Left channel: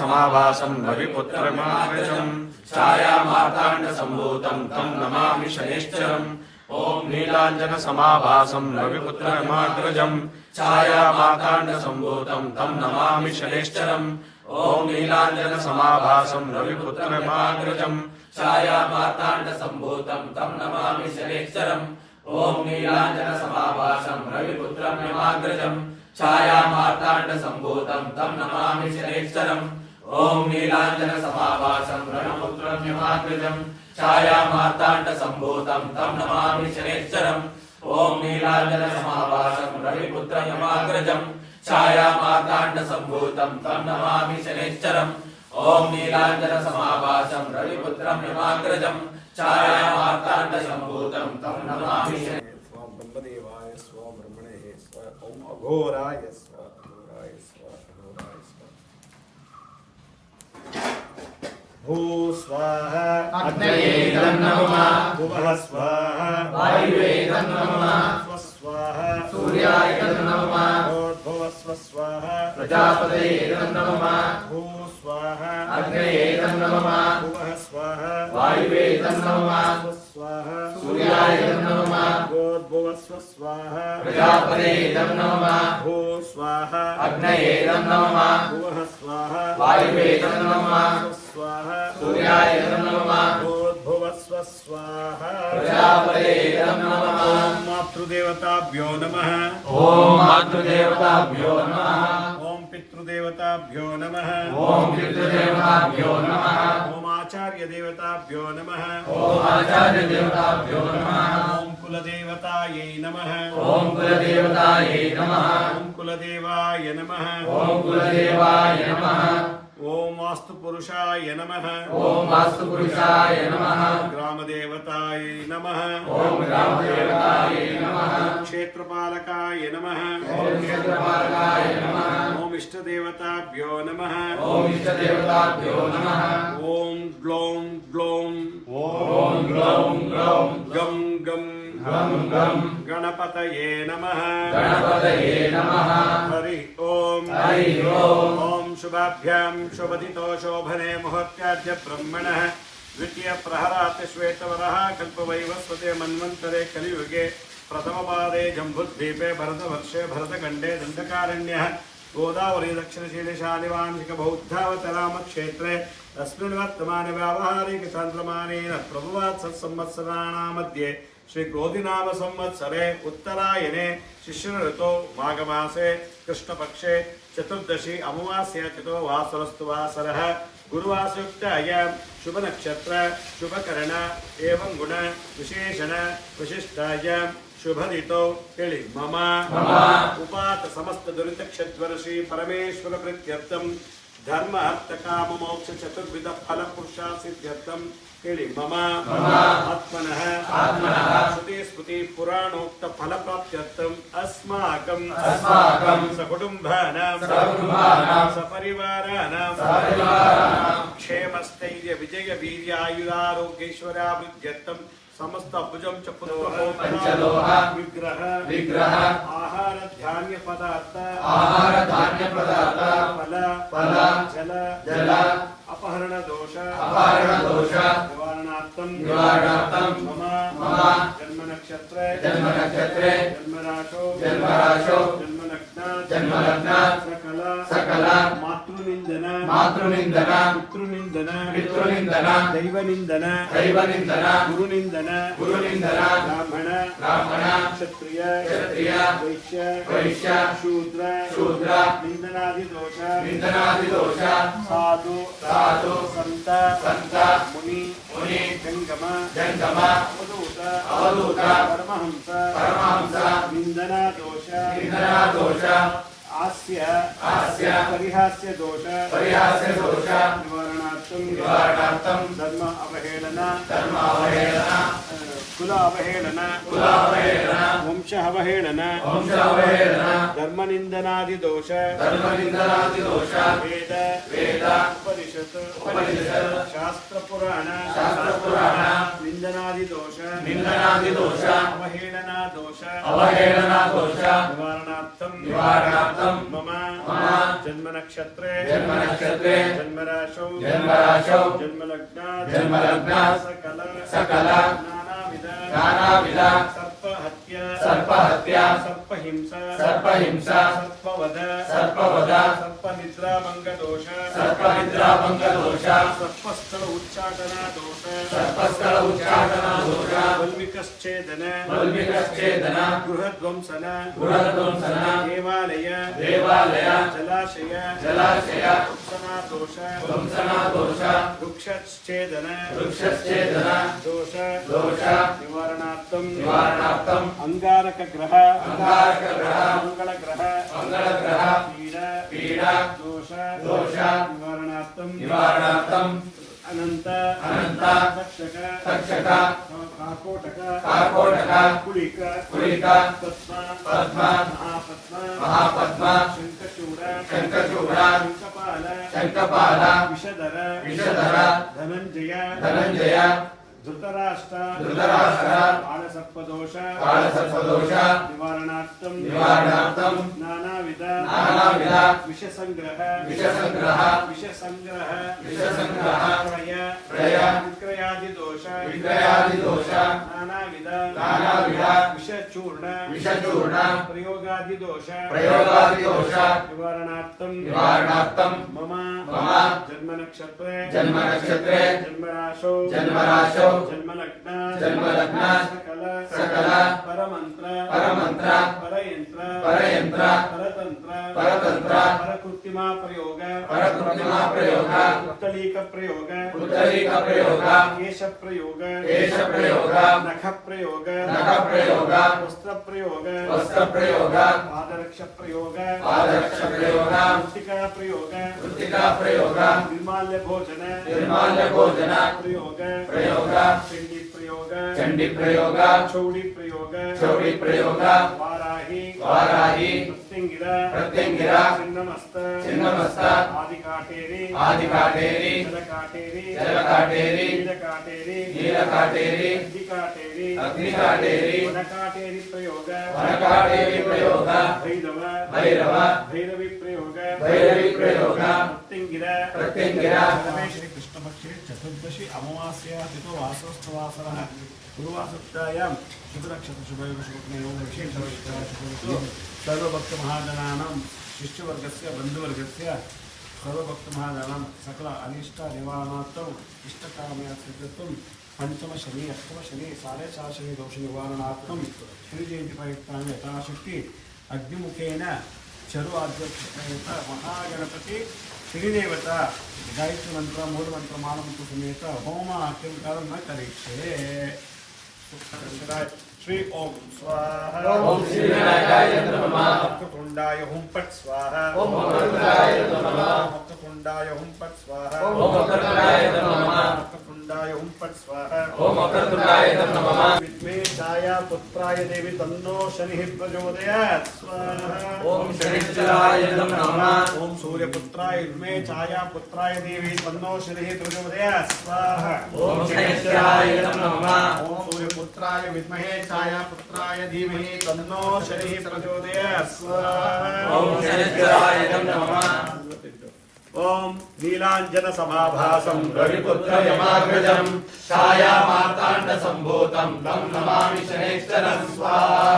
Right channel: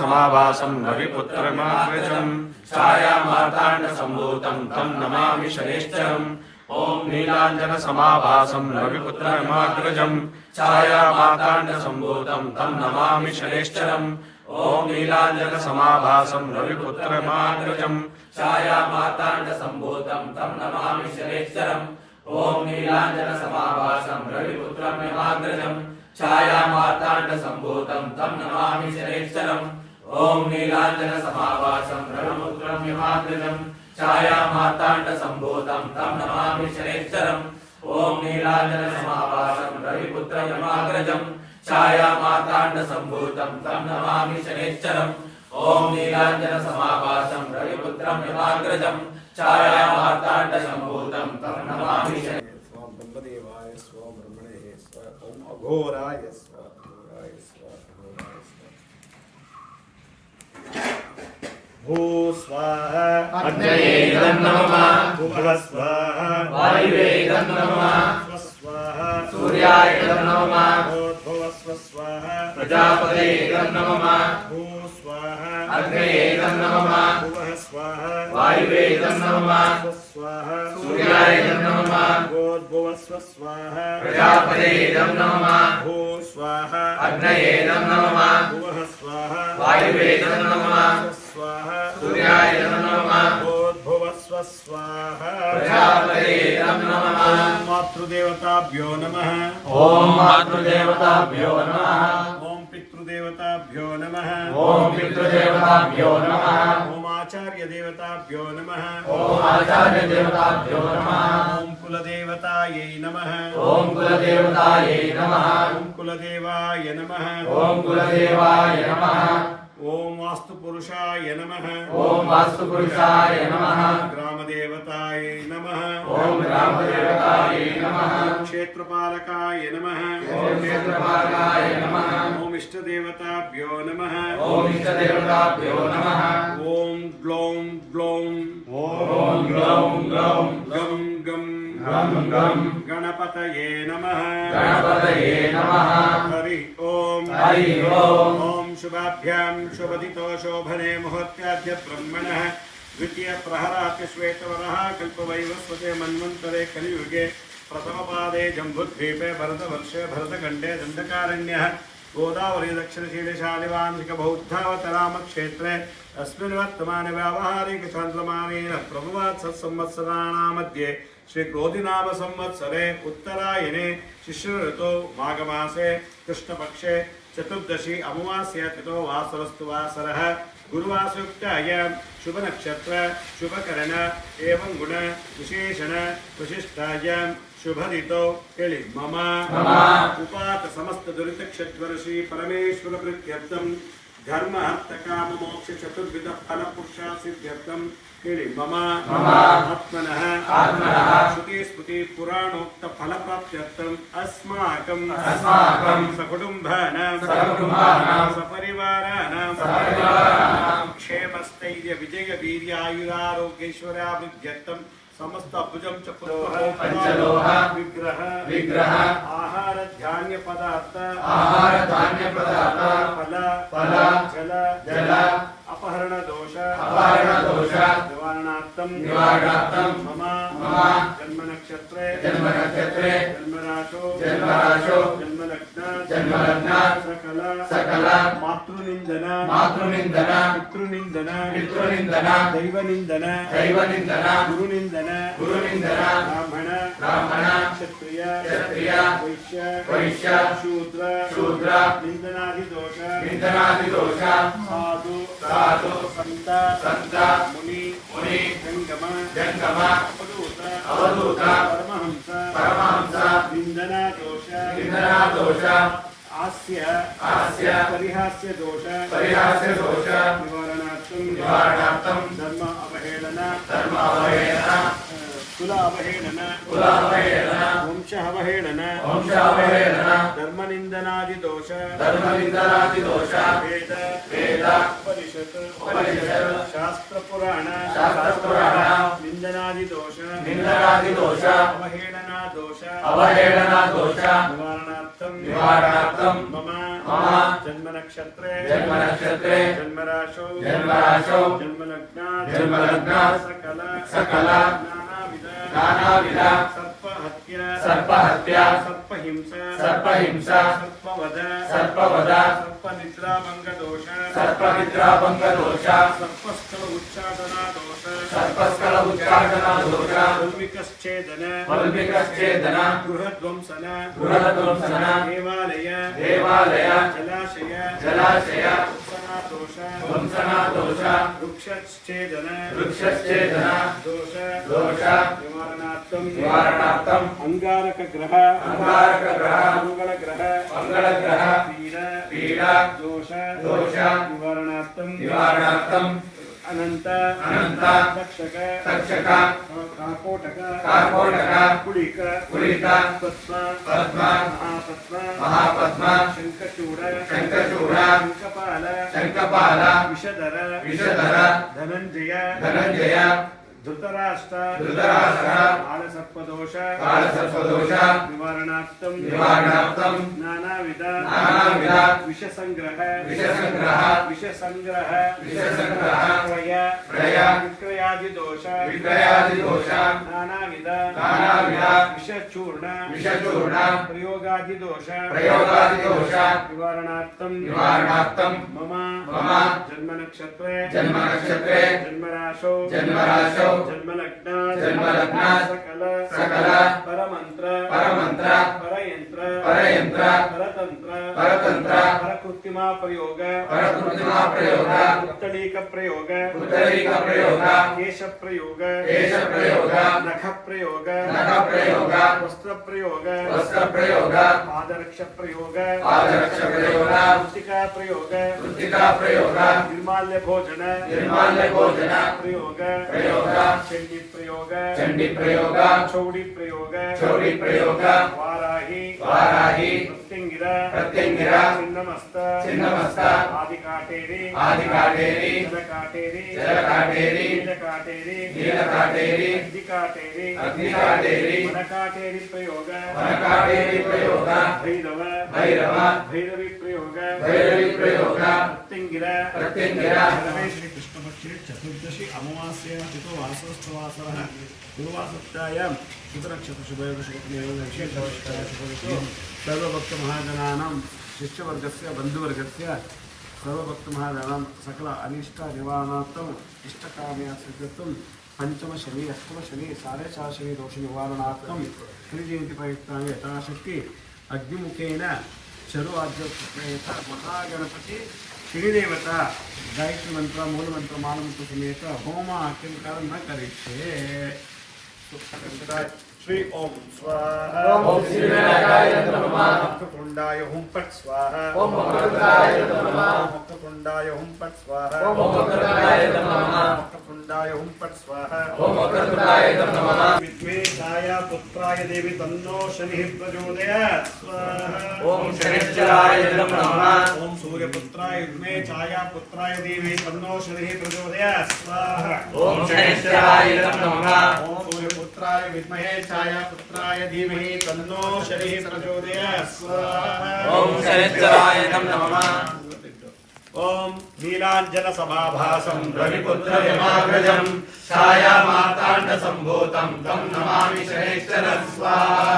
नीलाञ्जनसमाभासं रविपुत्रमाग्रजं छायामार्ताण्डसम्भूतं तं नमामि शनैश्चरम् ॐ नीलाञ्जनसमाभासं रविपुत्रमाग्रजं छायामार्ताण्डसम्भूतं तं नमामि शनैश्चरम् ॐ नीलाञ्जनसमाभासं रविपुत्रमाग्रजं छायामार्ताण्डसम्भूतं तं नमामि शनैश्चरम् ॐ नीलाञ्जनसमाभासं रविपुत्रमाग्रजं छायामार्ताण्डसम्भूतं तं नमामि शनैश्चरम् ॐ नीलाञ्जनसमाभासं रविपुत्रमाग्रजं छायामार्ताण्डसम्भूतं तं नमामि शनैश्चरम् ॐ नीलाञ्जनसमाभासं रविपुत्रमाग्रजं छायामार्ताण्डसम्भूतं तं नमामि शनैश्चरम् ॐ नीलाञ्जनसमाभासं रविपुत्रमाग्रजं छायामार्ताण्डसम्भूतं तं नमामि शनैश्चरम् स्वां ब्रह्मदेवाय स्वां ब्रह्मणे स्व ॐ अघोराय स्व अघोराय स्व अघोराय स्व भू स्वाहा अग्नये नमः भुवः स्वाहा वायुवे नमः स्वाहा सूर्याय नमः भुवः स्वाहा प्रजापतये नमः भू स्वाहा अग्नये नमः भुवः स्वाहा वायुवे नमः स्वाहा सूर्याय नमः भुवः स्वाहा प्रजापतये नमः भू स्वाहा अग्नये नमः भुवः स्वाहा वायुवे नमः स्वाहा सूर्याय नमः भुवस्व स्वाहा प्रजापतये नमः ओम मातृदेवताभ्यो नमः ॐ मातृदेवताभ्यो नमः ओम पितृदेवताभ्यो नमः ॐ पितृदेवताभ्यो नमः ओम आचार्य देवताभ्यो नमः ॐ आचार्यदेवताभ्यो नमः ओम कुलदेवतायै नमः ॐ कुलदेवतायै नमः ओम कुलदेवाय नमः ॐ कुलदेवाय नमः ओम वास्तुपुरुषाय नमः ॐ वास्तुपुरुषाय नमः ग्रामदेवताय नमः ॐ ग्रामदेवताय नमः क्षेत्रपालकाय नमः ॐ क्षेत्रपालकाय नमः ओम इष्टदेवताभ्यो नमः ॐ इष्टदेवताभ्यो नमः ओम ग्लौं ग्लौं ॐ ग्लौं ग्लौं गं गं गं गं गणपतये नमः गणपतये नमः हरि ओम हरि ओम ओम शुभाभ्यां शुभदितो शोभने मुहूर्त्याद्य ब्रह्मणः द्वितीय प्रहरात् श्वेतवरः कल्पवैवस्वते मन्वन्तरे कलियुगे प्रथमपादे जम्बुद्वीपे भरतवर्षे भरतखण्डे दण्डकारण्यः गोदावरी दक्षिणशीलशालिवांशिक बौद्धावतरामक्षेत्रे अस्मिन् वर्तमाने व्यावहारिकचान्द्रमानेन प्रभुवात् सत्संवत्सराणां मध्ये श्री क्रोधिनाम संवत्सरे उत्तरायणे शिशिर ऋतौ माघमासे कृष्णपक्षे चतुर्दशी अमावास्या तिथौ वासरस्तु वासरः गुरुवासयुक्तायां शुभ नक्षत्र शुभकरण एवं गुण विशेषण विशिष्टायां शुभदितौ तिळि मम उपात समस्त दुरित क्षद्वर्षि परमेश्वर प्रीत्यर्थं धर्म अर्थ काम मोक्ष चतुर्विध फल पुरुषार्थ सिद्ध्यर्थं तिळि मम आत्मनः श्रुति स्मृति पुराणोक्त फल प्राप्त्यर्थं अस्माकं सकुटुम्बानां सपरिवाराणां क्षेमस्थैर्य विजय वीर्यायुरारोग्यैश्वर्याभिवृद्ध्यर्थं समस्त भुजं च पंचलोह विग्रह आहार धान्य पदार्थ फल जल अपहरण दोष निवारणार्थं मम जन्म नक्षत्रे जन्मराशो जन्मलग्न सकल मातृनिंदन पितृनिंदन दैवनिंदन गुरुनिंदन ब्राह्मण क्षत्रिय वैश्य शूद्र निंदनादिदोष साधु संत मुनि जंगम अवधूत परमहंस निंदनादोष आस्य परिहास्य दोष निवारणार्थं धर्म अवहेलना कुल अवहेलना वंश ವಂಶಾವಹೇಳನ ಧರ್ಮನಿಂದನಾದಿದೋಷ ವೇದ ಉಪನಿಷತ್ ಶಾಸ್ತ್ರ ಪುರಾಣ ನಿಂದನಾದಿದೋಷ ಅವಹೇಳನಾ ದೋಷ ನಿವಾರಣಾರ್ಥಂ ಮಮ ಜನ್ಮ ನಕ್ಷತ್ರೇ ಜನ್ಮರಾಶೌ ಜನ್ಮಲಗ್ನ ಸಕಲ ನಾನಾವಿಧ ಸರ್ಪಹತ್ಯ ಸರ್ಪಹಿಂಸ ಸರ್ಪವಧ ಸರ್ಪನಿದ್ರಾಭಂಗದೋಷ ಸರ್ಪಸ್ಥಳ ಉಚ್ಚಾಟನಾ ದೋಷ ವಲ್ಮಿಕಶ್ಚೇದನ ಗೃಹಧ್ವಂಸನ ದೇವಾಲಯ ಜಲಾಶಯ ವಂಸನಾ ದೋಷ ವೃಕ್ಷಚ್ಛೇದನ ದೋಷ ನಿವಾರಣಾರ್ಥಂ ಅಂಗಾರಕ ಗ್ರಹ ಮಂಗಳ ಗ್ರಹ ಪೀಡಾ ದೋಷ ನಿವಾರಣಾರ್ಥಂ ಅನಂತ ತಕ್ಷಕ ಕಾಕೋಟಕ ಕುಳಿಕ ಪದ್ಮ ಮಹಾಪದ್ಮ ಶಂಖಚೂಡ ಶಂಕಪಾಲ ವಿಷಧರ ಧನಂಜಯ ಧೃತರಾಷ್ಟ್ರ ಕಾಳಸರ್ಪದೋಷ ನಿವಾರಣಾರ್ಥಂ ನಾನಾವಿಧ ವಿಷಸಂಗ್ರಹ ಕ್ರಯ ವಿಕ್ರಯಾದಿ ದೋಷ ನಾನಾವಿಧ ವಿಷಚೂರ್ಣ ಪ್ರಯೋಗಾದಿ ದೋಷ ನಿವಾರಣಾರ್ಥಂ ಮಮ ಜನ್ಮ ನಕ್ಷತ್ರೇ ಜನ್ಮರಾಶೌ ಜನ್ಮಲಗ್ನ ಸಕಲ ಪರಮಂತ್ರ ಪರಯಂತ್ರ ಪರತಂತ್ರ ಪರಕೃತ್ರಿಮಾ ಪ್ರಯೋಗ ಉತ್ತಳೀಕ ಪ್ರಯೋಗ ಕೇಶ ಪ್ರಯೋಗ ನಖ ಪ್ರಯೋಗ ವಸ್ತ್ರ ಪ್ರಯೋಗ ಪಾದರಕ್ಷ ಪ್ರಯೋಗ ಮೃತ್ತಿಕಾ ಪ್ರಯೋಗ ನಿರ್ಮಾಲ್ಯ ಭೋಜನ ಪ್ರಯೋಗ ಚಂಡಿ ಪ್ರಯೋಗ ಚೌಡಿ ಪ್ರಯೋಗ ವಾರಾಹಿ ಪ್ರತ್ಯಂಗಿರ ಚಿನ್ನಮಸ್ತ ಆದಿಕಾಟೇರಿ ಜಲಕಾಟೇರಿ ಅಗ್ನಿಕಾಟೇರಿ ವನಕಾಟೇರಿ ಪ್ರಯೋಗ ಭೈರವಿ ಪ್ರಯೋಗ ಪ್ರತ್ಯಂಗಿರ ಶ್ರೀ ಕೃಷ್ಣ ಪಕ್ಷೆ ಚತುರ್ದಶಿ ಅಮಾವಾಸ್ಯ ತಿಥೋ ವಾಸೋಸ್ತವಾಸರಃ ಗುರುವಾಸತ್ಯಾಯಾಂ ಶುಭನಕ್ಷತ್ರ ಶುಭಯೋಗ ವಿಶೇಷ ಸರ್ವಭಕ್ತ ಮಹಾಜನಾನಾಂ ಶಿಷ್ಯवर्गस्य बन्धुवर्गस्य सर्वभक्त महाजनानां सकल अनिष्ट निवारणार्थम इष्टकाम्या सिद्ध्यर्थम पंचम शनि अष्टम शनि 4.5 शनि दोष निवारणार्थम श्री जयंती प्रयुक्तांग यथाशक्ति अग्निमुखेन चरुवाद्योपयुक्त महागणपति श्रीदेवता गायत्री मंत्र मूल मंत्र मालमंत्र समेत होम अत्यंत न करिष्ये श्री ओम स्वाहा ओम श्री विनायकाय नमः मुक्तकुंडाय हुं फट् स्वाहा ओम मकरकुंडाय नमः मुक्तकुंडाय हुं फट् स्वाहा ओम मकरकुंडाय नमः मुक्तकुंडाय हुं फट् स्वाहा ओम मकरकुंडाय नमः विद्मे छाया पुत्राय देवी तन्नो शनिः प्रचोदयात् स्वाहा ओम शनिश्चराय नमः ओम सूर्यपुत्राय विद्मे छाया पुत्राय देवी तन्नो शनिः प्रचोदयात् स्वाहा ओम शनिश्चराय नमः ओम सूर्यपुत्राय विद्महे छाया पुत्राय धीमहि तन्नो शनिः प्रचोदयात् स्वाहा ओम शनिश्चराय नमः ओम नीलांजन समाभासं रविपुत्र यमाग्रजं छाया मार्तांड संभूतं तं नमामि शनिश्चरं स्वाहा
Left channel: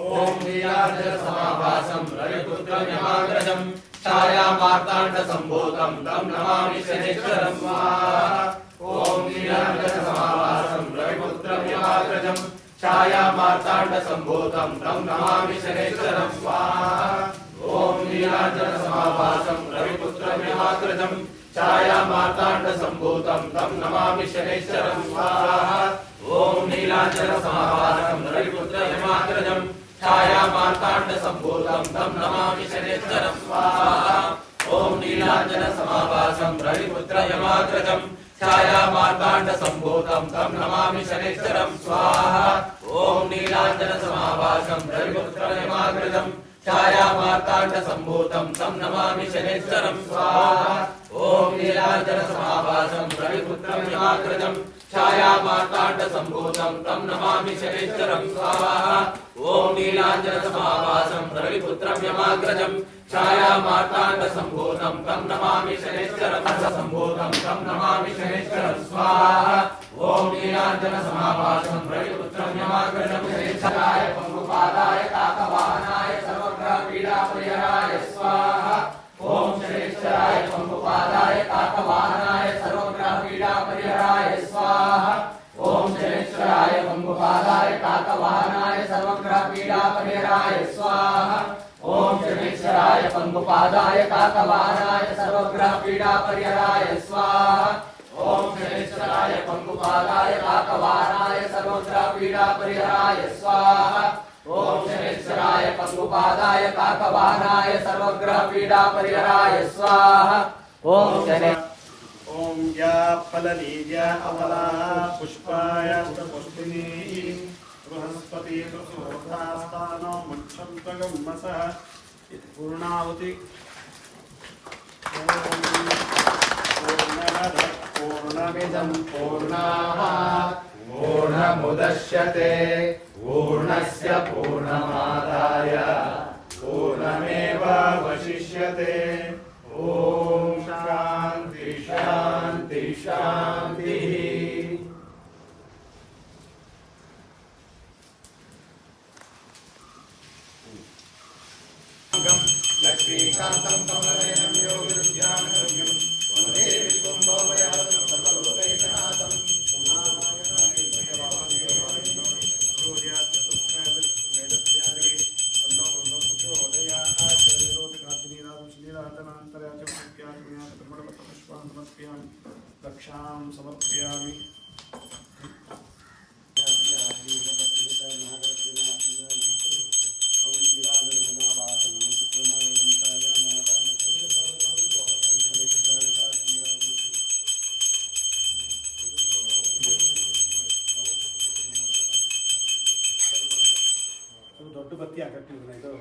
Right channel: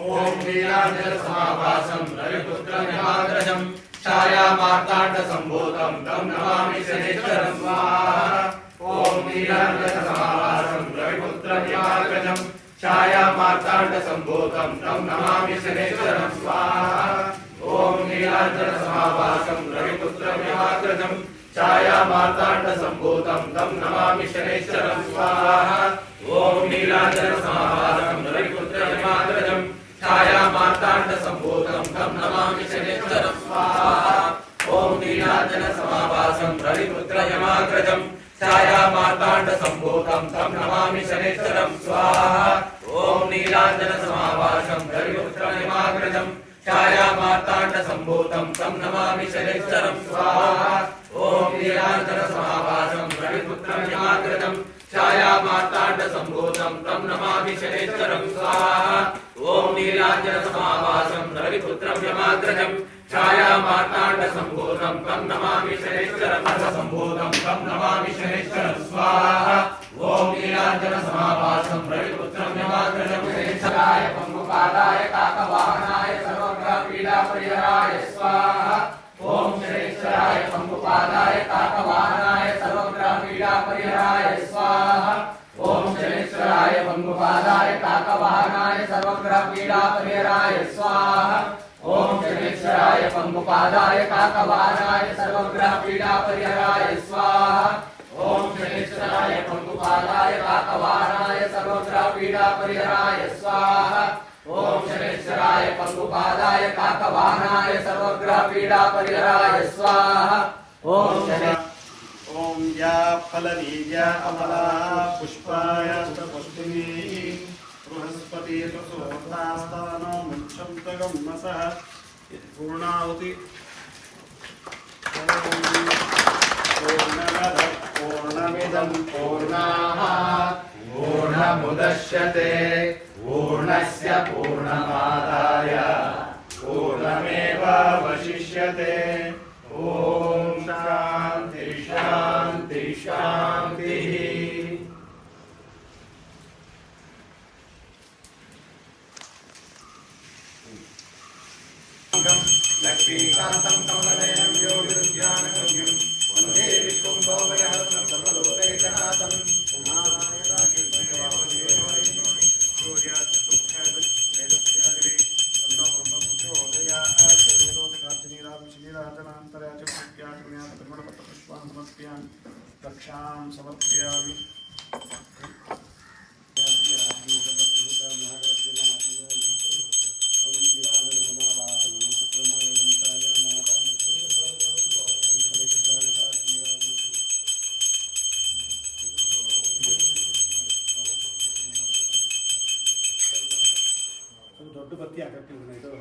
ओम नीलांजन समाभासं रविपुत्र यमाग्रजं छाया मार्तांड संभूतं तं नमामि शनिश्चरं स्वाहा ओम नीलांजन समाभासं रविपुत्र यमाग्रजं छाया मार्तांड संभूतं तं नमामि शनिश्चरं स्वाहा ओम नीलांजन समाभासं रविपुत्र यमाग्रजं छाया मार्तांड संभूतं तं नमामि शनिश्चरं स्वाहा ओम नीलांजन समाभासं रविपुत्र यमाग्रजं छाया मार्तांड संभूतं तं नमामि शनिश्चरं स्वाहा ओम नीलांजन समाभासं रविपुत्र यमाग्रजं छाया मार्तांड संभूतं तं नमामि शनिश्चरं स्वाहा ओम नीलांजन नीलाञ्जनसमाभासं रविपुत्रमिमाग्रजं छायामार्ताण्डसम्भूतं तं नमामि शनैश्चरं स्वाहा ॐ नीलाञ्जनसमाभासं रविपुत्रमिमाग्रजं छायामार्ताण्डसम्भूतं तं नमामि शनैश्चरं स्वाहा ॐ नीलाञ्जनसमाभासं रविपुत्रमिमाग्रजं छायामार्ताण्डसम्भूतं तं नमामि शनैश्चरं सम्भूतं तं नमामि शनैश्चरं स्वाहा ॐ नीलाञ्जनसमाभासं रविपुत्रमिमाग्रजं शनैश्चराय पंगुपादाय काकवाहनाय सर्वग्रहपीडापरिहराय स्वाहा ॐ शनैश्चराय पंगुपादाय काकवाहनाय सर्वग्रहपीडापरिहराय स्वाहा ॐ शनैश्चराय पंगुपादाय काकवाहनाय सर्वग्रहपीडापरिहराय स्वाहा ॐ शनैश्चराय पंगुपादाय काकवाहनाय सर्वग्रहपीडापरिहराय स्वाहा ॐ शनैश्चराय पंगुपादाय काकवाहनाय सर्वग्रहपीडापरिहराय स्वाहा ॐ शनैश्चराय पंगुपादाय काकवाहनाय सर्वग्रहपीडापरिहराय स्वाहा ॐ ॐ या फलनीया अमला पुष्पाय पुष्पिनी बृहस्पति सुसोधास्तानो मुक्षन्तगम्मसः पूर्णाहुति पूर्णमदः पूर्णमिदं पूर्णात् पूर्णमुदच्यते पूर्णस्य पूर्णमादाय पूर्णमेवावशिष्यते ॐ शान्ति शान्ति शान्तिः लक्ष्मीकान्तं कमलनयनं योगिरुद्यानगम्यं वन्दे विश्वं भवभयहरं सर्वलोकैकनाथं रक्षां समर्पयामि ದೊಡ್ಡ ಬತ್ತಿ ಹಾಕತ್ತೀವಿ ಇದು